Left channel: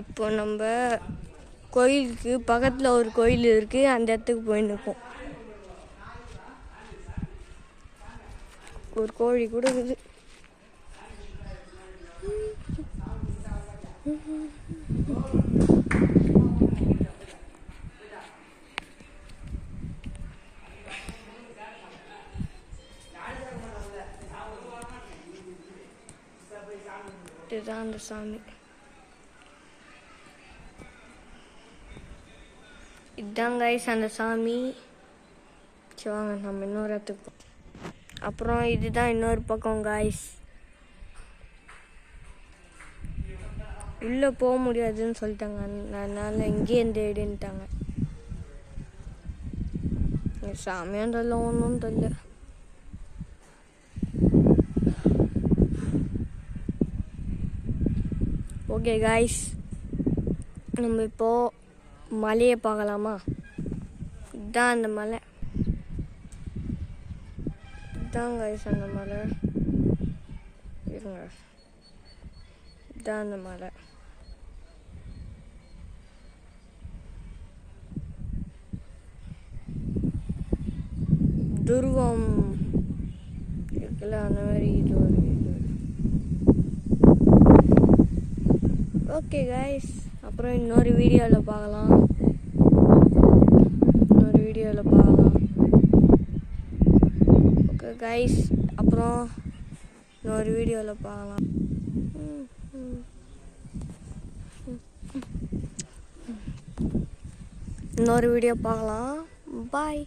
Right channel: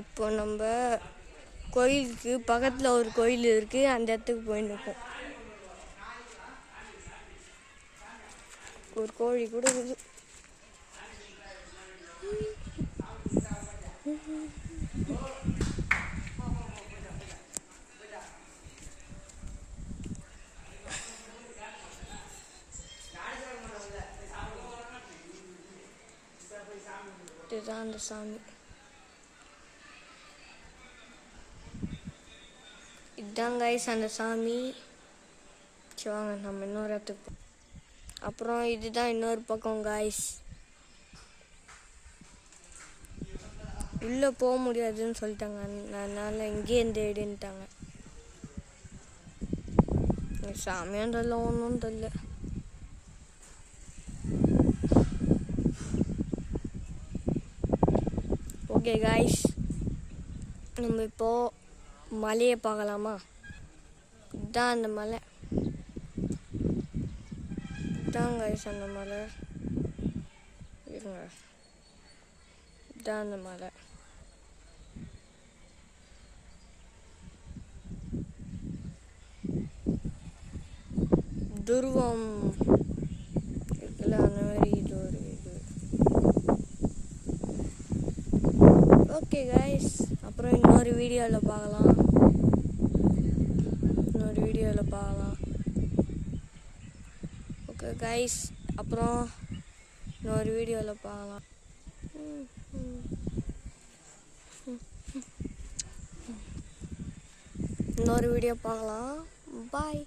இப்போ நம்ம கோயிலுக்கு பக்கத்தில் ஒரு கோயில் இருக்குது, அந்த இடத்துக்கு போயின்னு இருக்கோம். ஒரு கோழி கூட இருக்குது. இதுதான் அந்த சாமி. இதுதான் கைஸ் அந்த சாமி. வாங்க நம்ம இன்னொரு இடத்துக்கு. அப்புறம் இதுதான் இன்னொரு பக்கம் கைஸ். உள்ளே போக முடியாதுன்னு சொல்லிட்டாங்க, அதனால் இங்கேருந்து எடுன்ட்டாங்க. சாமியும் தெரியல, ஒன்றும் தெரியல. ஓகே கைஸ், நம்ம இப்போது மலையை பார்க்கலாமா? இதுதான் அந்த மலை. இதுதான் கைஸ் அந்த மலை. இருங்க, இதுதான் அந்த மலை. துருவம் இருக்குல்ல, அந்த மாதிரி இது ஒரு இது. ஓகே கைஸ், அப்புறம் இன்னொரு வீடியோவில் பார்க்கலாம். ஓகே கைஸ், அப்புறம் இன்னொரு வீடியோவில் பார்க்கலாம். இன்னொரு வீடியோ பார்க்கலாம். பாய்.